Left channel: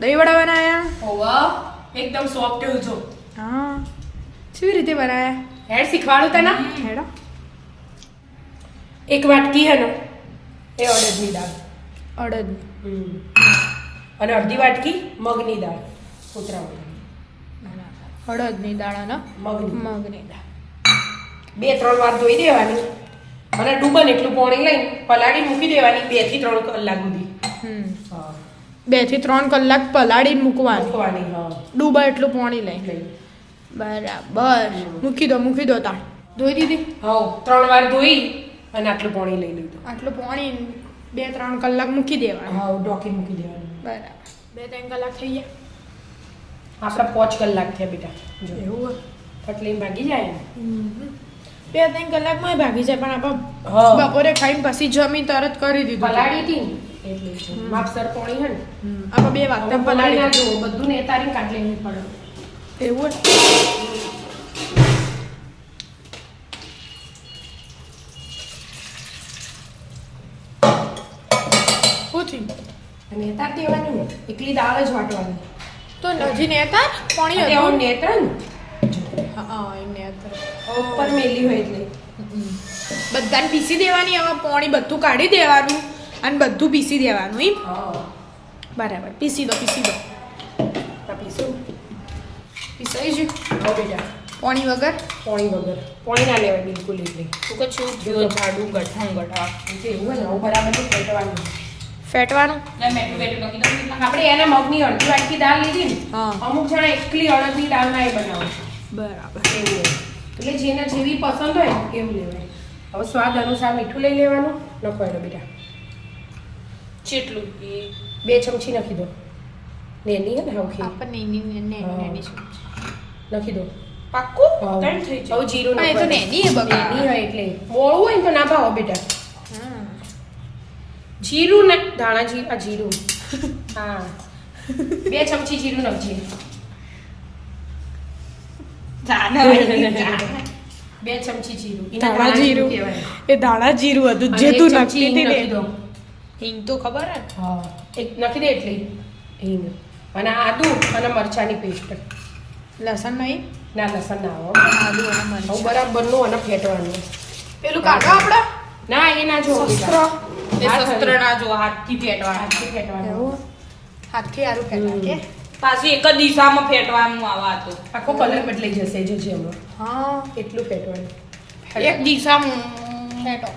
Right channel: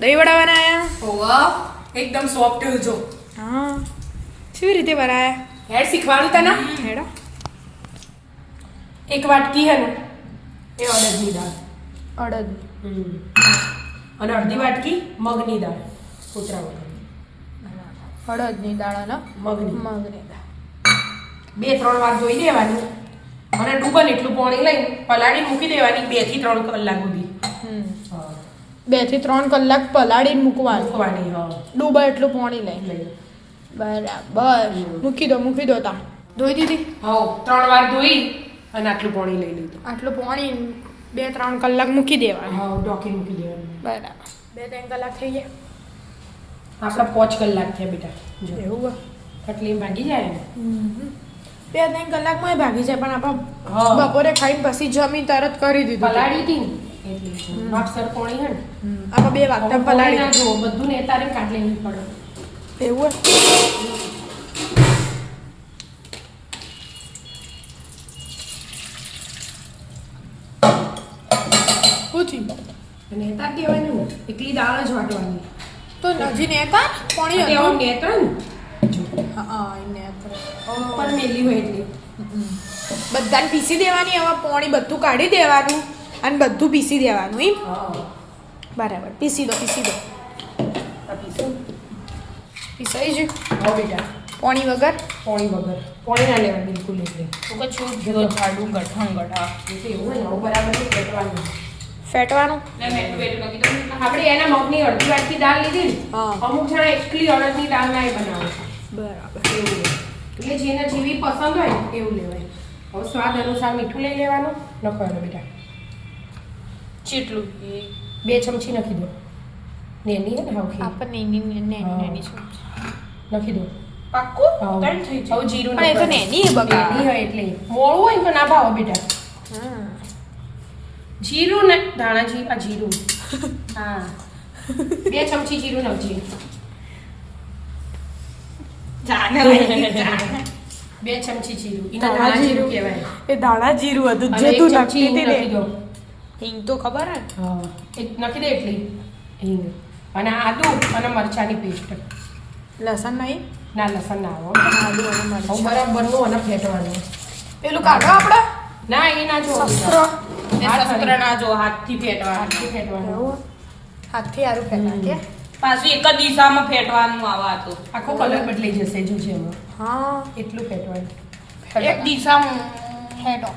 દહીં વડા બનાયા? ઓવા એકદમ સોફ્ટ જો. હા. કેવી રીતે બનાયા? હેડ શીખવાડું તને. હેડો. એક વાટકી હે ને એ અડદની દાળ. અડદ. અને અડધી વાટકી મગની દાળ. કૂતરા વગરની. અડદની દાળ અને મગની દાળ. 2-3 વાર ધોઈ દેવાની અને ડૂબન એટલું પાણી લઈને પલાળી મૂકી દેવાની 2 થી 3 કલાક સુધી. 2 થી 3 કલાક પલાળીને મૂકવાની. હા. ડૂબા એટલું પાણી લઈ. બરાબર. મૂકી દો તાણ. ધોઈ દીધી? હા 3 વાર ધોઈ અને આટલું પાણી લઈ લીધું. આટલું પાણી 2-3 કલાક મૂકી દેવાનું. હા ઢોકી મૂકી દેવાનું. બરાબર. 2-3 કલાક થઈ ગયા. આપણા 5 કલાક થયા બેટા. જો એવું કટલી ભાગી જાય ને. 2-3 કલાકમાં ભાગી જાય પણ હા. આપણે બપોરે ખાઈને પછી જમી તરત કરી દીધું. પલાળી હતી ને એટલે માપસર પાણી હે ને. આપણે 2 વાગતા પલાળી ના જો બધું ને તારી કાઢ લેવી પડે. એવું પૂછી નેતાર દેવાનું ને એકલી દાળ જ વાટવાની. તો નજી નેતા પાણી એટલે હતું. આમ નેતર ને હા એ નેતા ઉપર મેલી હોય એટલે બધાને પીસી દેવાની. હવે પાણી બધું કાઢી દેવાનું અને બધું પીસી દેવાનું એમ. હા બરાબર. પીસી દો પીશું. પીસાઈ જ હા બેટા પાણી વગર. પાણી ના લેવાય બિલકુલ એટલે તું કે છું જો જાડું ગઠણ ગઠા એટલે એવું હોય ને આવું બરાબર નહીં ફેટવાનું. ફેટવાનું. ના મેટું બેટું બાકી તો આપણે એના મગની અડધી વાટકી દાળ લીધી ને હા. અમુક જણા એકલી અડદની દાળ ના બનાવે બરાબર. એવું હોય. એટલે જેને જેવી પસંદ હોય એવું લેવાય. હવે સ્વાદ અનુસાર મીઠું લઈ લેવાનું. લખવાનું બેટા ચેટલું 2 ચમચી નાખી દો. નેની હે ને હવખી આપણને નેની છે. નાખી દો. પાક્કું હા. ત્રણ થઈ હવે જાય જીરું પણ એ તો નેની હે બકા. નેની હોય એટલે મોળું હોય ને તો ના ભાવે બેટા. જીરું ને ધાણા જીરું હા 2 ચમચી જીરું નાખજે. 2 ચમચી જીરું એને ધાણા ધાણા જીરું જીરું કહેવાય. એ ધાણા જીરું હતું અને જે 1 તું ચમચી નાખતી હિંગ હતી નાખી દો. ને. હિંગ તો ખબર હે. હા એક નાખી દે એટલી હિંગ અને આદુ અને મરચાની પેસ્ટ. લસણ નહીં. ના લસણ ના આવો આદુ અને હું મરચાં. બરાબરનું અને ફેટવાનું. પેલું કાઢો આપણે ના એ ના જો શસ્ત્ર. એ શસ્ત્ર ના જો હાથથી ફેટવા હાથથી ફેટવાનું. એવું હાથથી હારું ફેટા કે. પાછું એક જ દિશામાં ફેટવાનું આવા તો આખો કલર બદલાઈ જશે જોજે એમાં હા એટલું ફેટવાનું. એક દિશામાં ફેટો.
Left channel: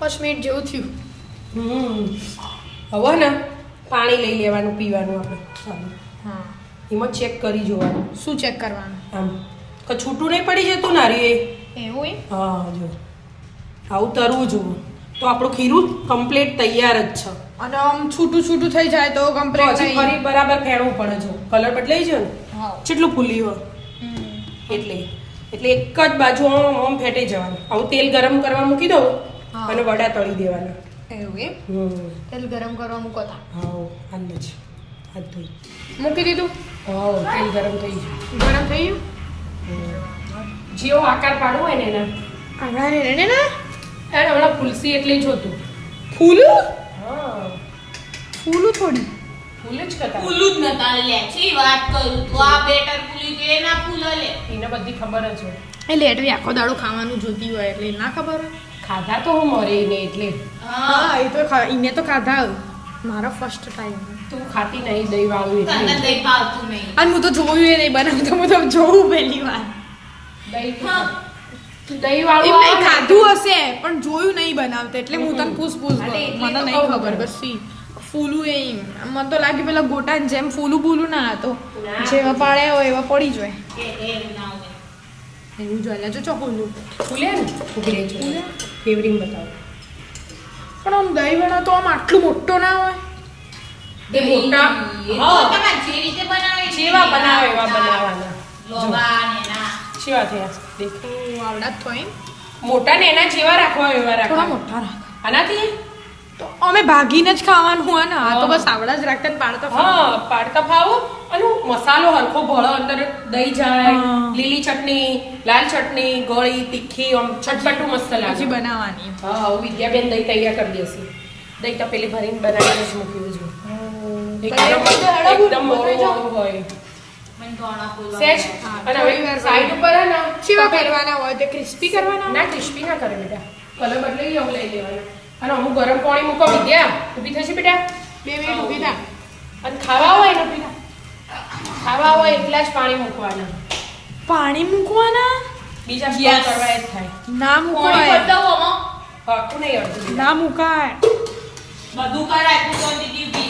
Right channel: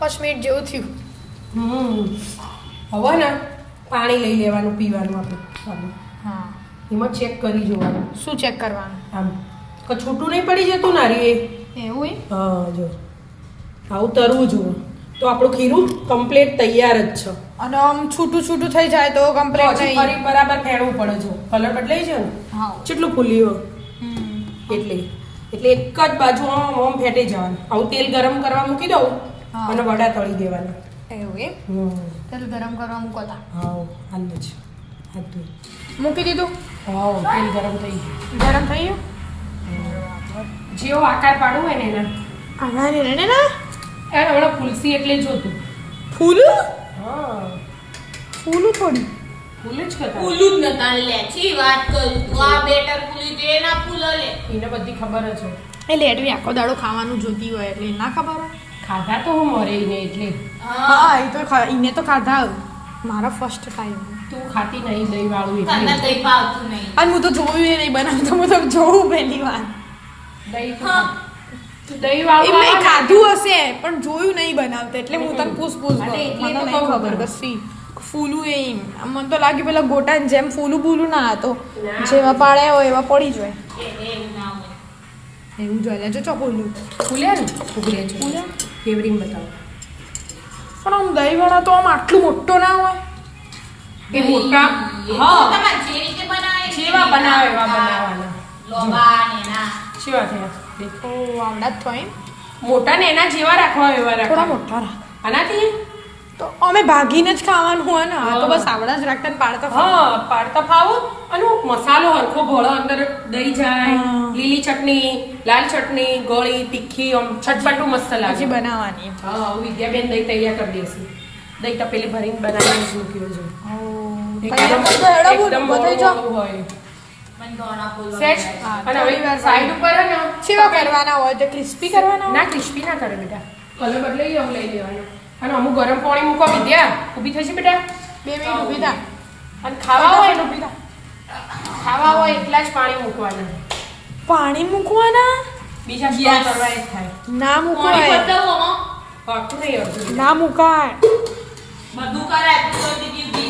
5 મિનિટ જેવું થયું. હવે ને પાણી લઈ લેવાનું પીવાનું આપણે સારું. હા. એમાં ચેક કરી જોવાનું શું ચેક કરવાનું? આમ કે છૂટું નહીં પડી જતું નારી એ. એવું એમ? હા જો આવું તરવું જુઓ તો આપણું ખીરું કમ્પ્લીટ તૈયાર જ છે. અને આમ છૂટું થઈ જાય તો કમ્પ્લીટ પછી નહીં. ફરી બરાબર ફેરવું પડે જો કલર બદલાઈ જાય ને હા. કેટલું ફૂલી હોય એટલે એક જ બાજુ આમ ફેટી જવાનું. આવું તેલ ગરમ કરવા મૂકી દઉં હા. અને વડા તળી દેવાના. એવું એમ? તેલ ગરમ કરવા મૂકો તા. હા હાલ જ હાથ ધોઈ. મૂકી દીધું. હા તેલ ગરમ થઈ ગયું. ગરમ થઈ ગયું. જેવો આકાર પાડવો હોય ને એના આના ને ને હમણાં ફૂલસી એટલે જોતું. ફૂલું હા ફૂલું થોડી. ફૂલ જ કરતા ફૂલું જ નતા લે છી વાત કરું તો આ બેટર ફૂલી તો એના ફૂલ લે એને બધી ખબર જ હોય. એટલે એટલી આખો દાડો ખાવાનું જોતી હોય એટલે ના ખબર હોય. ખાધા તો હું મરે ને એટલે હા એ તો એને તો ખાધા મારા ફર્સ્ટ ટાઈમ. તું ખાતી નહીં દહીં વાળું તને એટલે દહીં પાવતું નહીં અને હું તો જોયું એ નહીં બનાવતો. હું તો જોઉં પહેલી વાર. દહીં હા. દહીં એમ વાળું નહીં ખાધું હશે પણ જોયું નહીં બનાવતા એટલે હું તને પૂછ હા, તો એટલી મને તો નહીં કહું ખબર છું. કશી. ફૂલું એમ મને તો લાગ્યું પેલા ગોટાની જેમ ફૂલું બૂલું ના હતો. ના. જેવા પાડ્યા હોય એવા પડી જાય એવું ના હોય એવું જોઈએ જો ચોખ્ખું. ફૂલ્યા ને ફૂગડે છે ફૂલ્યા? ફેવરિંગ બતાવો. પણ આમ દહીંવાળા તો આમ આટલું મોટો ના હોય. એ મોટા એ તો હા તમારે જે રીતે બનાવે જેવા બનાવે એવા બનાવવાના. લોબા ને ના જેવા થયા દેખ તો આવડા જ તો એમ મોટા ને એના જેવા રાખવા એવા થોડા રાખવા. મોટા રાખ. આનાથી તો અમે ભાગીને જ ખાવાનું હોય ને આ તો બસ આવડા જ રાખતા ને પાડતા હા પાડતા ફાવો અને મસાલો હરખો ભળો અંદર દહીં જાય હા. લીલી ચટણી લાલ ચટણી ગોળી તીખી આમ ચટપટું મસ્ત પછી લાગે. બનાવવાની. હા વિદ્યાબેન દહીં તૈયાર કરી દેશે. દહીં તપેલી ભરીને બનાવીને જ મૂકી દેજો. તૈયાર કરી દો, હેડો બોલ, એકદમ બતાવી જાઓ. મોળું હોય. મને ધોળા ફૂલ સેજ. હા, અને થોડી હવે વાર સાઈડ ઉપર હે ને કેવા કરવાના હોય તે ક્રિસ્પી કરવાના ના ક્રિસ્પી ના કરે બેટા. કલર બદલાઈ ગયો લઈ લેવાનો. અને અમુક ગરમ પાણી મૂકો વિદ્યા. ઊભી થઈ છે બેટા. 2 મિનિટ ઊભી થા. અને ખાવા હોય ને બેટા. ખાવા હોય એટલા જ પાણી મૂકવાના. પાણી મૂકવાના બીજા Yes. સ્ટોર કરવા એ જ થાય. ના પાણી મૂકવાય બદલાવો આમાં. પાકું નહીં અડધું. ના મુકાય બધું કરાય તું તો દીદી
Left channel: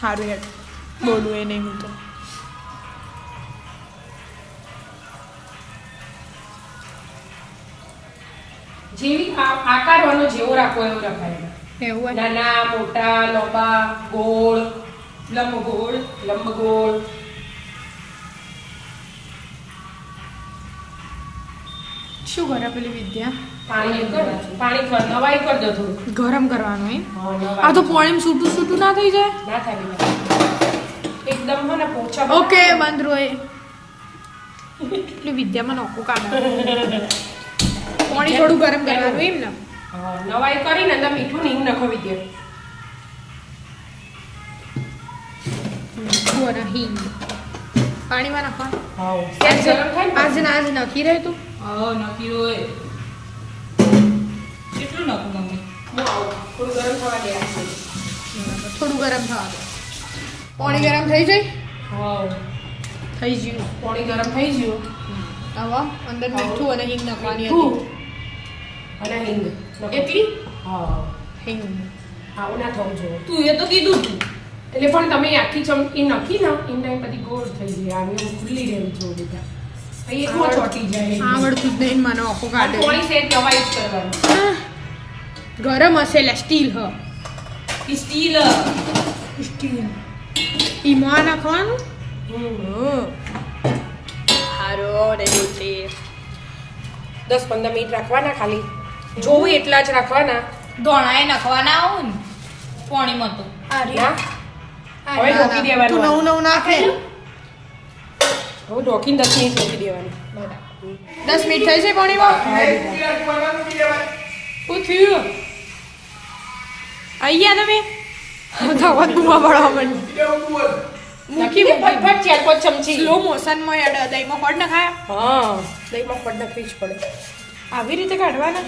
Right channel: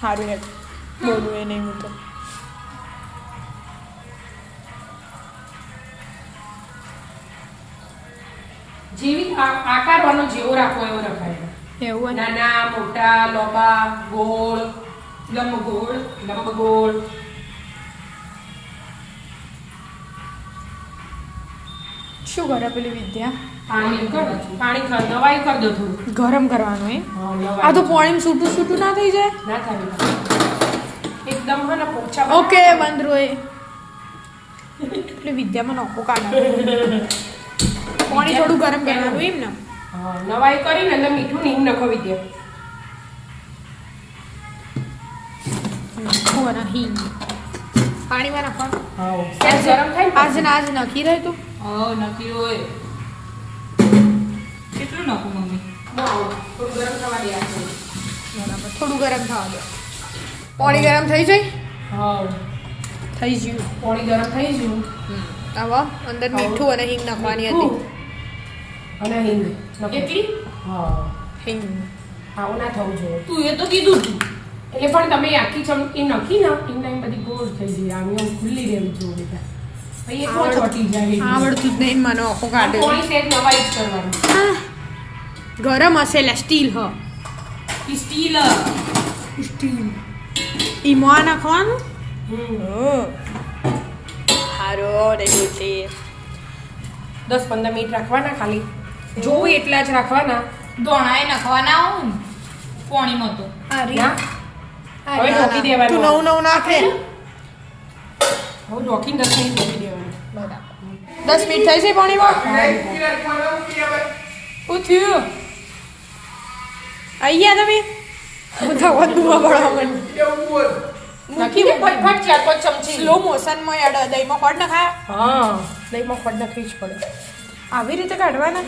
સારું યાર બોલું એ નહીં મૂકે જેવી આકારવાનો જેવો રાખવો એવો રખાય. એવું હોય નાના મોટા લોબા ગોળ લંબગોળ શું કરે પેલી વિદ્યા પાણી નવાઈ કરી દો થોડું. ગરમ કરવાનું એમ હા, નવાઈ. આ તો પાણી છૂટું છૂટું ના થઈ જાય ના થાય બેટા. એકદમ હે ને પોચા ઓકે બંધ રોય એટલે વિદ્યામાં નોખો કાઢા પાણી થોડું ગરમ કરવાનું એમ ને હા, નવાઈ કરીને અંદર મીઠું નહીં નાખો વિદ્યા. મીઠું અને હિંગ પાણીમાં નાખવાનું હા સેજ ગરમ થાય ને આજ ને આજ નથી રહેતું ઓ નક્કી હોય કેટલું નાખું મમ્મી બહુ આવું. થોડું ગરમ થવા દે આ. બરાબર થોડું ગરમ થવા દે પાણી ગરમ થઈ જાય હા થઈ ગયું પાણી ગરમ થઈ ગયું. હવે અંદર મીઠું અને હિંગ નાખવાની હતી મીઠું અને હિંગ નાખો. એટલી હા હિંગ આવું ના થવું જોઈએ. તું એ તો કીધું તું એટલે પણ તમે આખી ચમચી નાખી ને એમ ટાઈમ બધી ગોળ થઈ જાય. આમ એમ ખુલ્લી રહેવી જોઈએ બેટા. પછી એક વાર ચોંટી જાય. આવડતું જ નહીં મને આખો કાઢે પાણી સેજ નવાઈ જ કરવાનું. ગરમ હશે એટલે સ્ટીલ હ સ્ટીલ સ્ટીલ ઈમાં નાખવાનું હમ. હારો નહીં બોલતી 10-15 મિનિટ રાખવાના ખાલી. જોવું એટલા જ રાખવાના. ધોણાએ નાખવાના આવું ને પાણીમાં તો ના? હવે ઢોકી દેવાનું. તું નવું નાખે હવે ઢોકીને 10 મિનિટ ઢોકી દેવાનું. બરાબર 10 મિનિટ થઈ છે પાણીમાં શું થયું અહીંયા તમે હું તો વધુમાં ભણવા માંડી નાખી દે ફટફટ 4-5 ચમચી. સ્લો મોશનમાં એડ દહીંમાં ખોડ નાખાયા હા દહીંમાં ખોડ નાખવી જ પડે. આવી રીતે કાઢવાના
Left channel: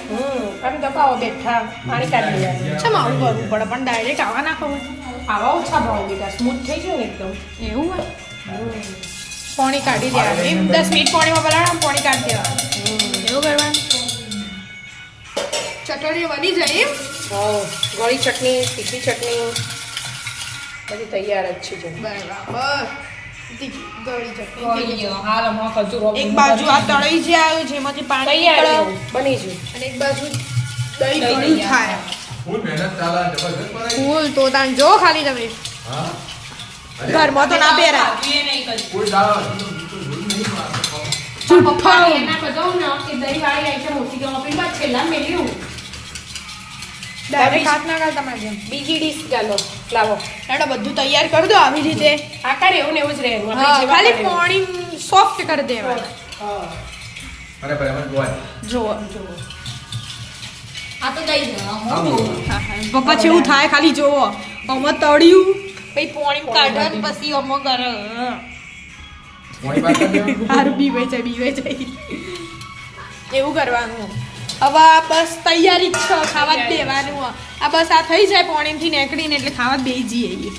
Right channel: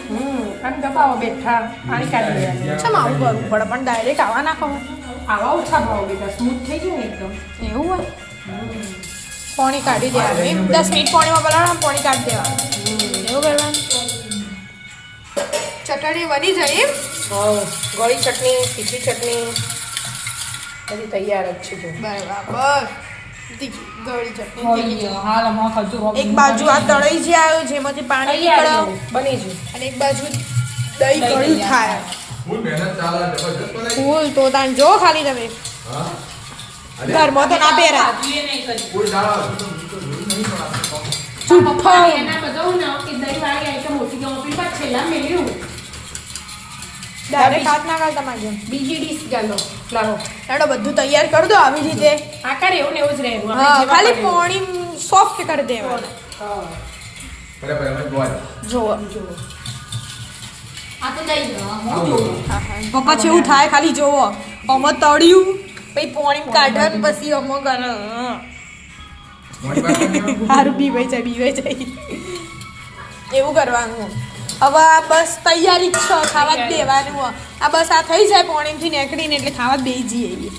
આમ દબાવો બેઠા પાણી કાઢી દેવાનું. ચમ આવું કરવું પડે પણ ડાયરેક્ટ આવા નાખો આવા ઓછા ભાવ બેટા સ્મૂથ થઈ ગયું ને એકદમ. એવું હોય પાણી કાઢી દેવાનું એમ 10 મિનિટ પાણીમાં પલાળવાનું પાણી કાઢી દેવાનું એવું કરવાનું ચટણી બની જાય એમ હા ગળી ચટણી તીખી ચટણી બધી તૈયાર જ છે જો. બરાબર ગળી ચટણી હોઈ ગયો હાલ અમાર ખજૂર એક બાજુ આ તળાઈ જે આવ્યું જેમાંથી પાણી તૈયાર નીકળે એવું બની ગયું. અને એક બાજુ દહીં ગળ્યું થાય ફૂલ મહેનત ચાલે જબરજસ્ત બનાવી. ફૂલ તો તાન જો ખાલી તમે હા ઘરમાં તો ના પહેરાય ભાભીએ નહીં કર્યું. ફૂલ ડાળો તો જોયું નહીં મારતો. જુઠ્ઠો એના બધાનું ના કે દહીં વાળી આઈટમ ઓછી ગયો આપણી પાસે છેલ્લા મેલ્યું. ડાયરેક્ટ હાથ ના કાઢતા તમારે જેમ બીજી ડીશ ચાલો લાવો. હેડો બધું તૈયાર કરી દો આવી રીતે આકાર એવું ને એવું જ રહેવાનું. હા આપણે ખાલી જેવા પાણી સોફ્ટ કરી દેવાના હા બરાબર એમ જ બોલ. જોવો આ તો દઈ દેવા હું જોઉં પપ્પા જેવું થાય ખાલી જોવો આમાં તળ્યું પછી પાણી કાઢે ને પછી આમાં કરે મોડી વાત કરી. સારું બીવાઈ જાય એવું કરવાનું હવે આ બસ તૈયારી જ છે ખાવા જ દેવાનું આ બસ આ થઈ જાય પાણીથી નીકળીને એટલે ખાવા જ દઈ જઈએ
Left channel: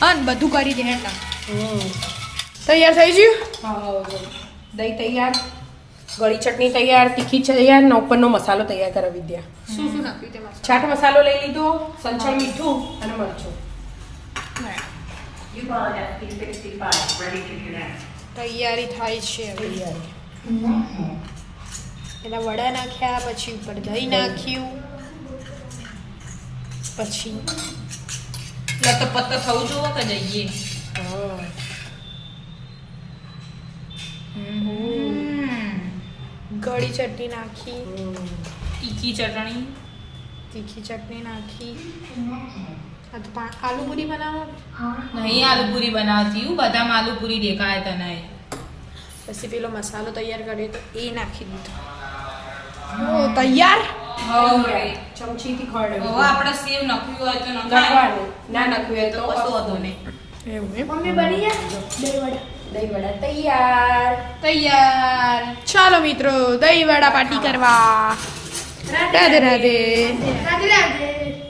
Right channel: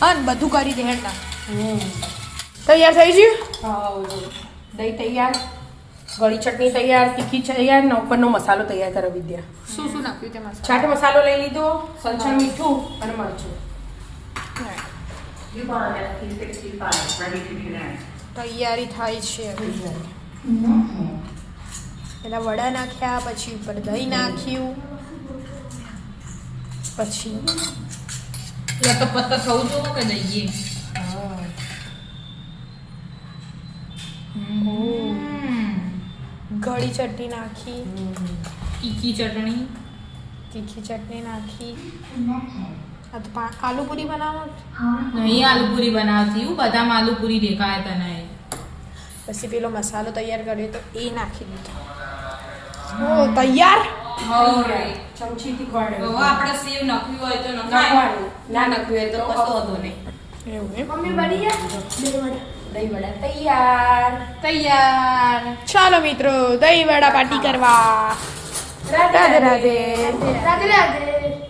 હા ને બધું કરી દે હેઠા તૈયાર થઈ ગયું હા દહીં તૈયાર ગળી ચટણી તૈયાર તીખી તૈયાર ને ઉપરનો મસાલો તૈયાર કરો વિદ્યા. શું શું નાખ્યું તેમાં ચાટ મસાલો લઈ લીધો સંચળ મીઠું અને મરચું. તૈયારી થાય છે હવે પેલા વડા નાખ્યા પછી ઉપર દહીં નાખ્યું પછી લતપત થવું જોવો કે જઈએ ગળી ચટણી નાખી તીખી ચટણી તીખી ચટણી નાખી આ તો આલુ પૂરી બનાવો નહીં આલુપુરી બનાવતી હું બધામાં આલુપુરી દેખાય તને પછી પેલો મસાલો તૈયાર કર્યો તો એ નાખી દીધો ઓ તૈયાર હવે ચમચીથી ખવડાવી. હવે આપણે સેવ નખવી હોય તો નખાય. નાખવાનું. ના નાખવી હોય તો કશો વાંધો નહીં. એવું એમ. મમ્મી બની ગયા દહીં વડા તૈયાર. તૈયાર. ચાલો મિત્રો દહીં વડા પાર્ટી કરવા. રાધે રાધે. રાધે રાધે